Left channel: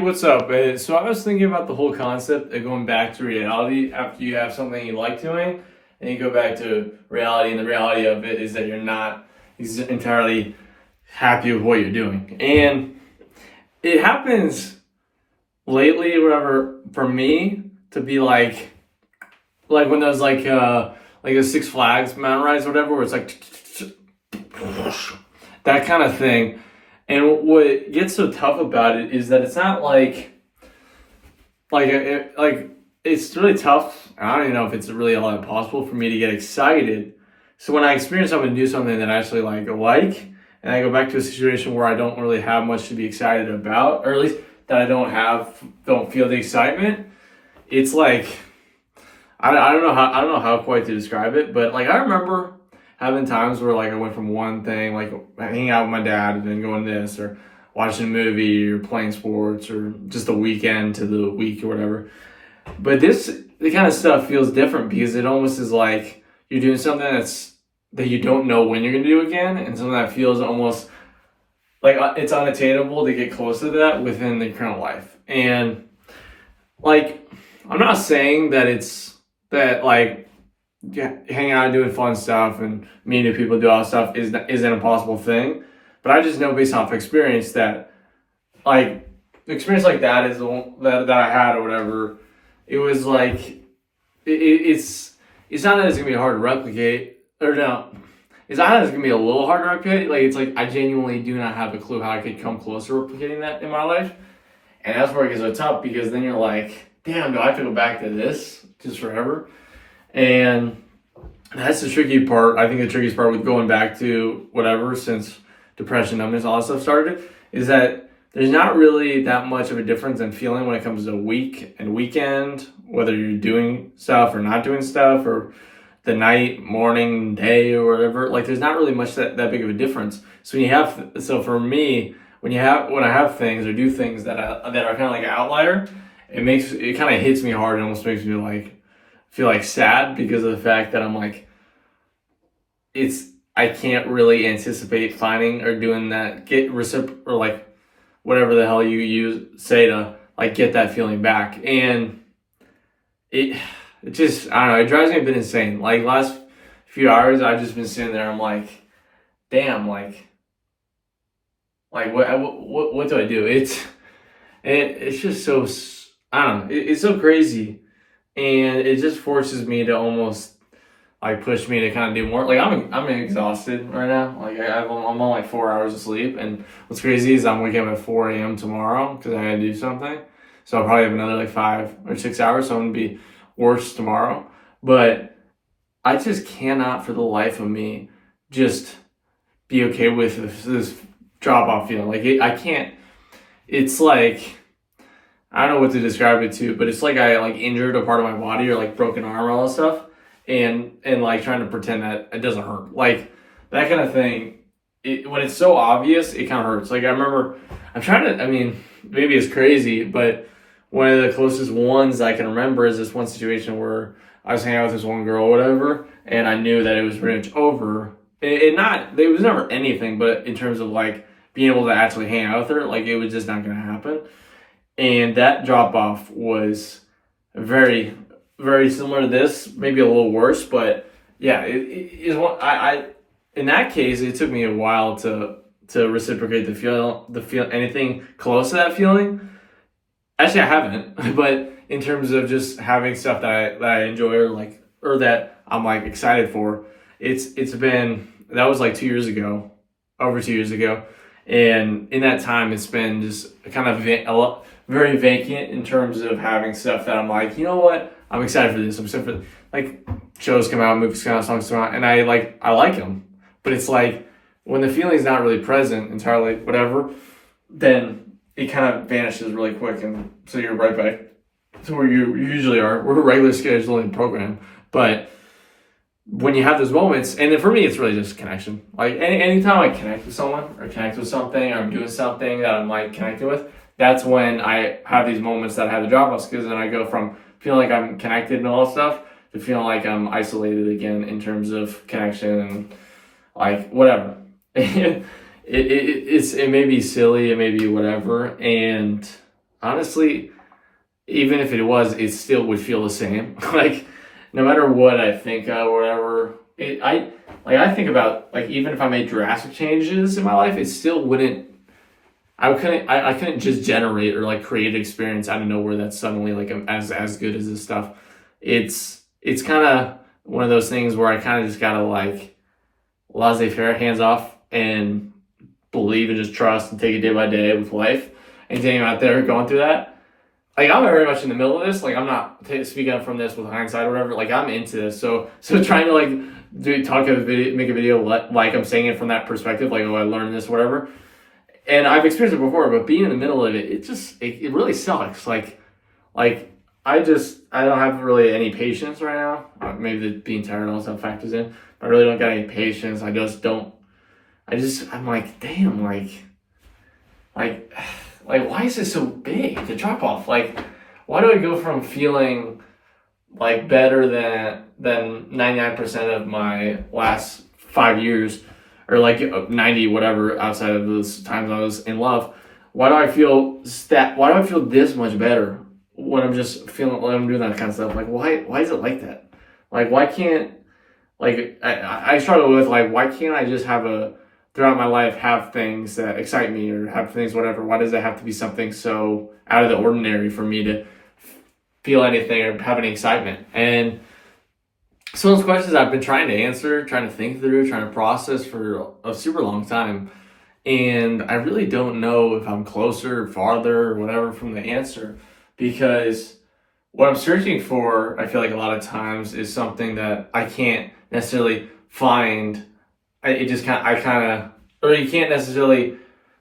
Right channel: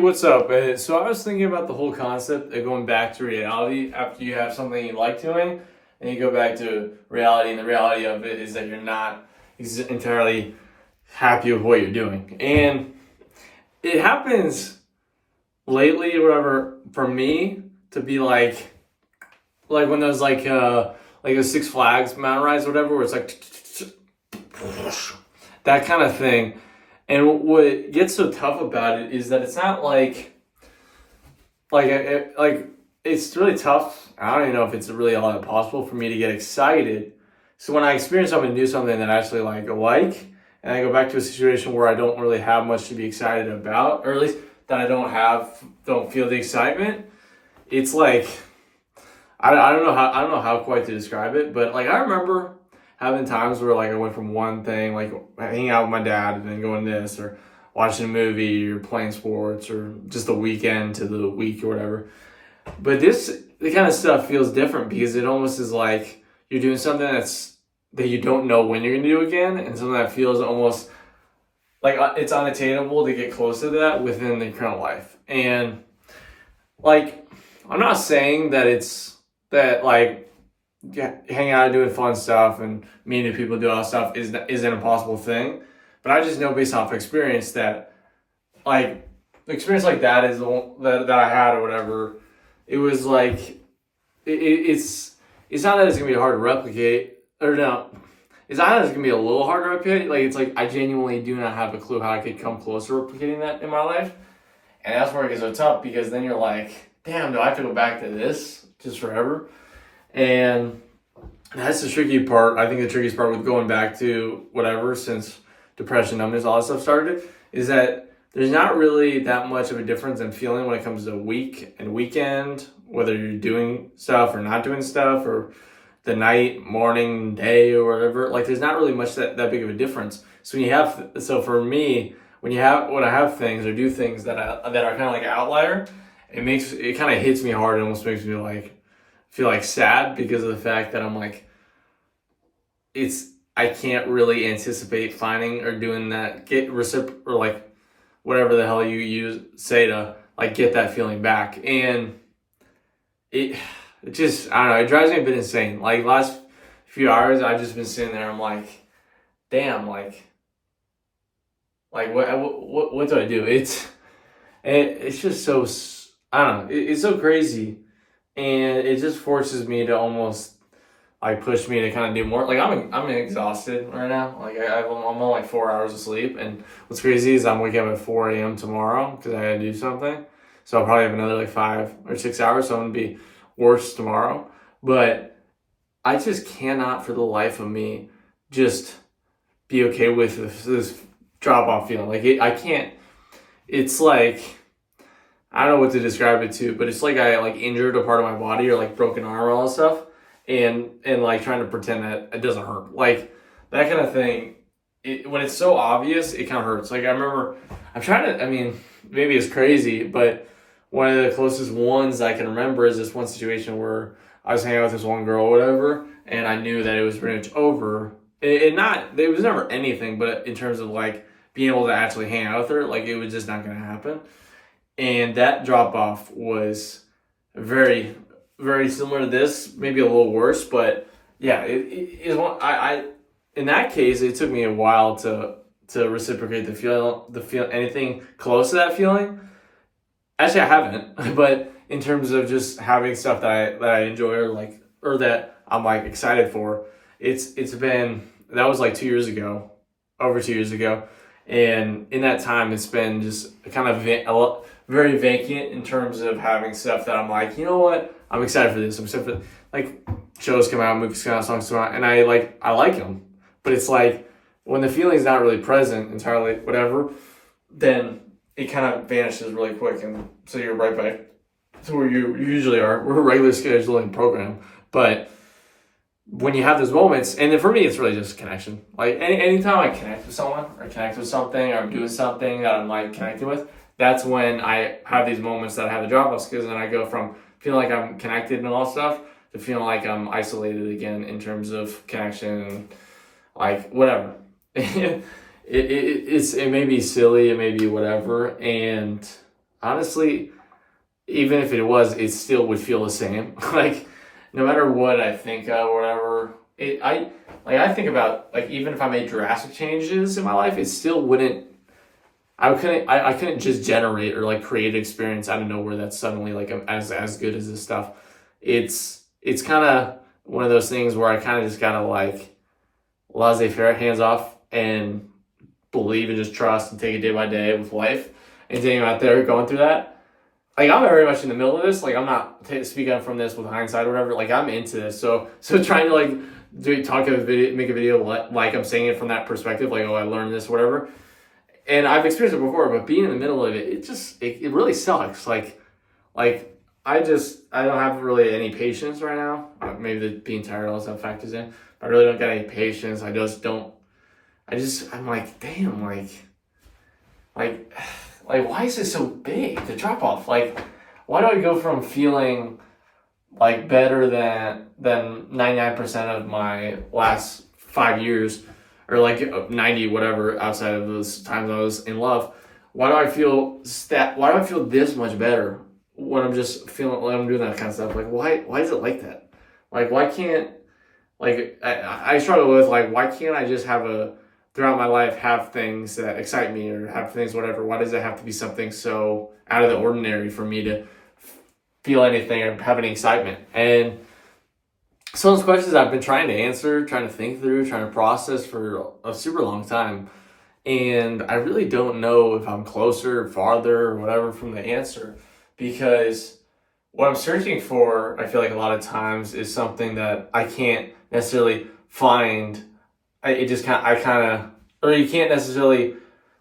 What's up? So I was thinking about the whole concept of going back to reality after you have something you like doing, and you go back to reality, and the reality of it is that you're not entirely happy with what you're doing. And it happens lately, or whatever, for me to be like when there's like a Six Flags mountain rides, or whatever, where it's like that kind of thing. And what gets so tough about it is that it's not like it's really tough. I don't even know if it's really all that possible for me to get excited. So when I experience something, do something that I actually and I go back to a situation where I don't really have much to be excited about, or at least that I don't feel the excitement. It's like I don't know how quite to describe it, but like I remember having times where like I went from one thing, like hanging out with my dad, and then going to this, or watching a movie, or playing sports, or just the weekend to the week or whatever. But the kind of stuff feels different because it almost is like you're doing something that you don't know when you're gonna do again, and something that feels almost like it's unattainable to get close to that within the current life. And like, I'm not saying that it's that like hanging out and doing fun stuff and meeting new people, do all that stuff isn't an impossible thing. But I just know based off experience that like the experience like that is the one that I had or whatever. It was like it's not that it's gonna be hard to replicate, or no, it's not that it's gonna be a little hard to replicate. Like it's like I genuinely do not have a clue how I could come close to replicating that in my life. And that's where it gets so tough, because then you're like, damn, do I have to go back to this just forever? And that's the tricky part. I think the trickiest part with going back to whatever, since depression, numbness, all that stuff started, is that there's not really that much of a difference in feeling when it comes to week and weekend, whether you're doing stuff or not doing stuff, or the night, morning, day, or whatever. Like there's not really much that big of a difference. So for me, when I have things or do things that are kind of like an outlier, it kind of hits me hard. It almost makes me like feel like sad, because of the fact that I'm like, I can't really anticipate finding or doing that, or like whatever the hell you say to like get that feeling back. And it just, I don't know, it drives me a bit insane. Like last few hours I've just been sitting there, I'm like, damn, what do I do? It's just so, I don't know, it's so crazy, and it just forces me to almost like push me to kind of do more. Like I'm exhausted right now. Like I'm on like 4 hours of sleep, and what's crazy is I'm waking up at 4 a.m. tomorrow because I gotta do something. So I'll probably have another like 5 or 6 hours. So I'm gonna be worse tomorrow. But I just cannot for the life of me just be okay with this drop off feeling. I can't. It's like, I don't know what to describe it to, but it's like I like injured a part of my body, or like broken arm or all that stuff, and like trying to pretend that it doesn't hurt, like that kind of thing. When it's so obvious, it kind of hurts. Like I remember, I mean, maybe it's crazy, but one of the closest ones I can remember is this one situation where I was hanging out with this one girl or whatever, and I knew that it was pretty much over. There was never anything, but in terms of like being able to actually hang out with her, like it was just not going to happen. And that drop off was very, very similar to this, maybe a little worse, but yeah, it is one. In that case, it took me a while to reciprocate the feel anything close to that feeling. Actually, I haven't, but in terms of just having stuff that I enjoy, or that I'm like excited for, it's been, that was like 2 years ago, over 2 years ago, and in that time, it's been just kind of very vacant in terms of having stuff that I'm like, you know what, I'm excited for this. I'm excited for, like, shows come out, movies come out, songs come out, and I like them. But it's like when the feeling's not really present entirely, whatever, then it kind of vanishes really quick, and so you're right back to where you usually are. We're a regular scheduling program, but when you have those moments, and then for me, it's really just connection. Like anytime I connect with someone, or connect with something, or I'm doing something that I'm like connected with, that's when I have these moments that I have the drop offs, because then I go from feeling like I'm connected and all that stuff to feeling like I'm isolated again in terms of connection and like whatever. It may be silly, it may be whatever, and honestly, even if it was, it still would feel the same. Like, no matter what I think of or whatever, I think about, like, even if I made drastic changes in my life, it still wouldn't. I couldn't just generate or like create an experience out of nowhere that's suddenly like as good as this stuff. It's kind of one of those things where I kind of just gotta like laissez-faire, hands off, and believe and just trust and take it day by day with life. And Daniel out there going through that, like I'm very much in the middle of this. Like I'm not speaking from this with hindsight or whatever. Like I'm into this. So trying to like make a video like I'm saying it from that perspective. Like, oh, I learned this, whatever. And I've experienced it before, but being in the middle of it, it really sucks. Like I don't have really any patience right now. Maybe the being tired also factors in. But I really don't got any patience. I'm like, damn, like, why is this so big, the drop off? Like, why do I go from feeling like better than 99% of my last 5 years, or like 90 whatever outside of those times I was in love? Why do I feel this much better when I'm just feeling like I'm doing that kind of stuff? Like, why is it like that? Like, why can't, like, I struggle with, like, why can't I just throughout my life, have things that excite me or have things, whatever? Why does it have to be something so out of the ordinary for me to feel anything or have any excitement? And some of those questions I've been trying to answer, trying to think through, trying to process for a super long time. And I really don't know if I'm closer, farther, or whatever from the answer, because what I'm searching for, I feel like a lot of times, is something that I can't necessarily find. You can't necessarily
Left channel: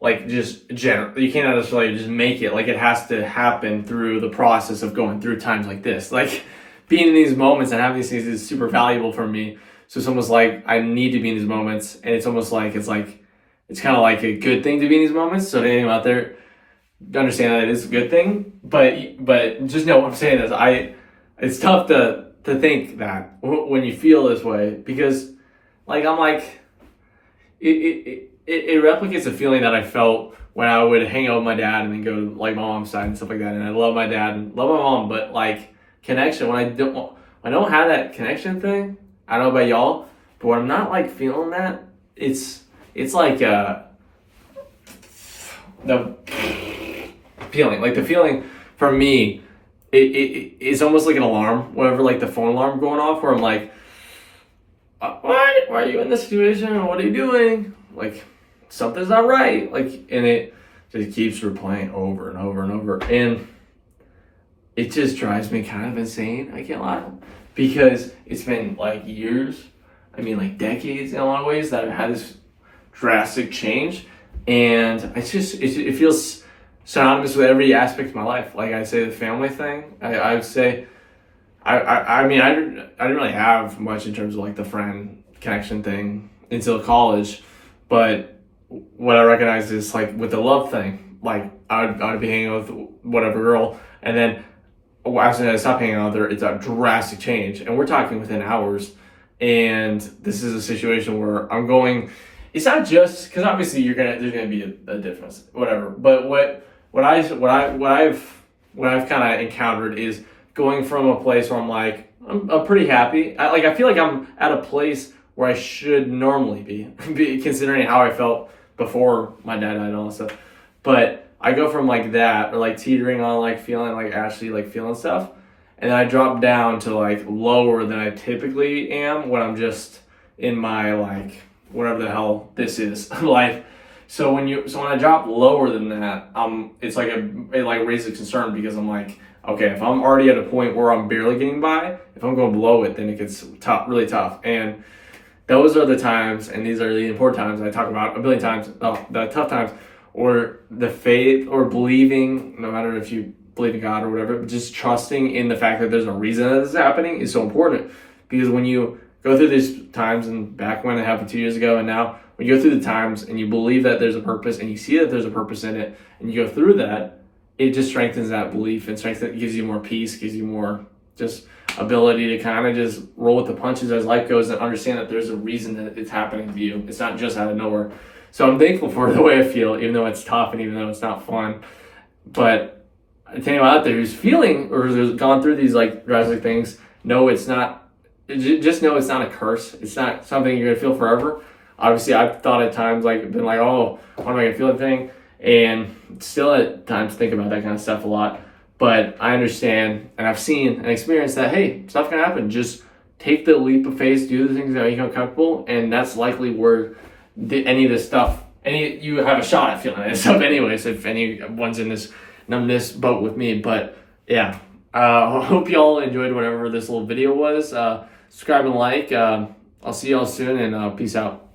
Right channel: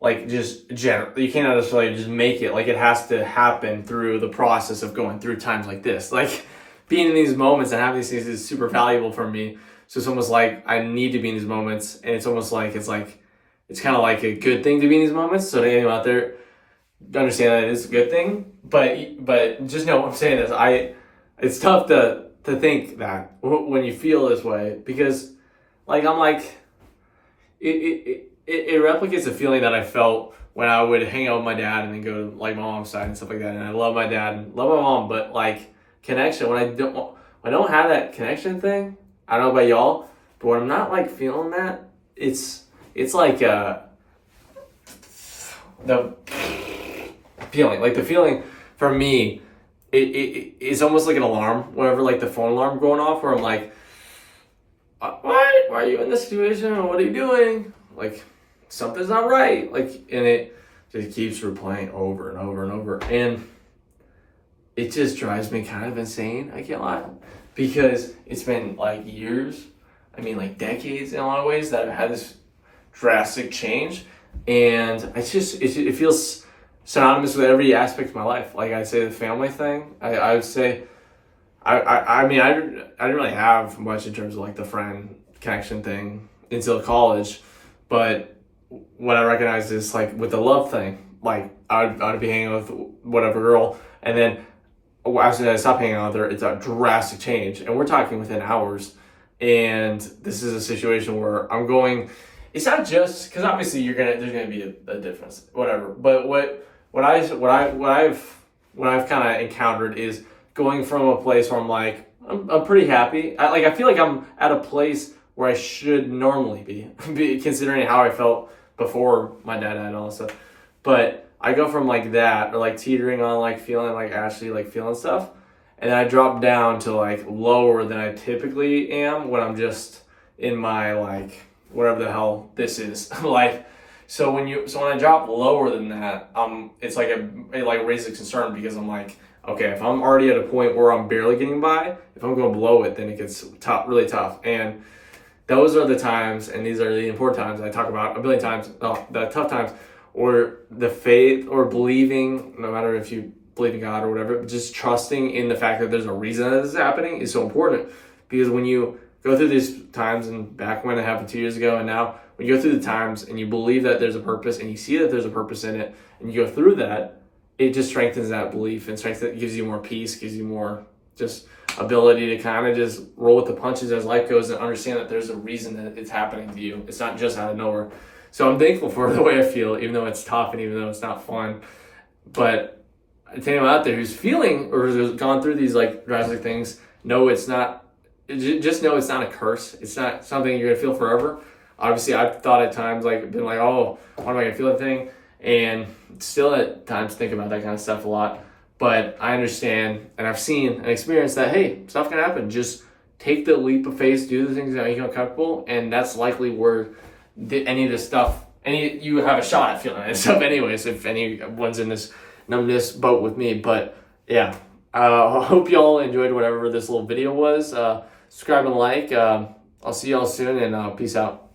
you can't necessarily just make it. Like, it has to happen through the process of going through times like this. Like, being in these moments and having these things is super valuable for me. So it's almost like I need to be in these moments, and it's almost like it's kind of like a good thing to be in these moments. So to anyone out there, understand that it is a good thing, but just know what I'm saying is it's tough to think that when you feel this way, because like I'm like it replicates the feeling that I felt when I would hang out with my dad and then go to like my mom's side and stuff like that. And I love my dad and love my mom, but like connection, when I don't have that connection thing, I don't know about y'all, but when I'm not like feeling that, it's like the feeling for me, it's almost like an alarm, whenever like the phone alarm going off, where I'm like, why are you in this situation? What are you doing? Like, something's not right. Like, and it just keeps replaying over and over and over. And it just drives me kind of insane, I can't lie. Because it's been like years, like decades in a lot of ways, that I've had this drastic change. And it feels synonymous with every aspect of my life. Like, I'd say the family thing, I would say, I didn't really have much in terms of like the friend connection thing until college, but what I recognized is like with the love thing, like I'd be hanging with whatever girl, and then as soon as I stop hanging out with her, it's a drastic change, and we're talking within hours. And this is a situation where I'm going. It's not just because obviously there's gonna be a difference, whatever. But what I've kind of encountered is going from a place where I'm like, I'm pretty happy. I feel like I'm at a place where I should normally be considering how I felt before my dad died and all that stuff. But I go from like that, or like teetering on like feeling like actually like feeling stuff, and then I drop down to like lower than I typically am when I'm just in my like whatever the hell this is life. So when I drop lower than that, it's like it like raises concern, because I'm like, okay, if I'm already at a point where I'm barely getting by, if I'm going below it, then it gets tough, really tough. And those are the times, and these are the important times I talk about a billion times, the tough times, or the faith or believing, no matter if you believe in God or whatever, but just trusting in the fact that there's a reason that this is happening is so important. Because when you go through these times, and back when it happened 2 years ago and now, when you go through the times and you believe that there's a purpose and you see that there's a purpose in it, and you go through that, it just strengthens that belief, and gives you more peace, gives you more just ability to kind of just roll with the punches as life goes, and understand that there's a reason that it's happening to you. It's not just out of nowhere. So I'm thankful for the way I feel, even though it's tough and even though it's not fun. But to anyone out there who's feeling or who's gone through these like drastic things, no, it's not. Just know it's not a curse. It's not something you're gonna feel forever. Obviously, I've thought at times like been like, oh, when am I gonna feel that thing? And still at times think about that kind of stuff a lot. But I understand and I've seen and experienced that, hey, stuff can happen. Just take the leap of faith, do the things that make you uncomfortable, and that's likely where any of this stuff, you have a shot at feeling that stuff anyways, if anyone's in this numbness boat with me. But yeah, I hope y'all enjoyed whatever this little video was. Subscribe and like. I'll see y'all soon, and peace out.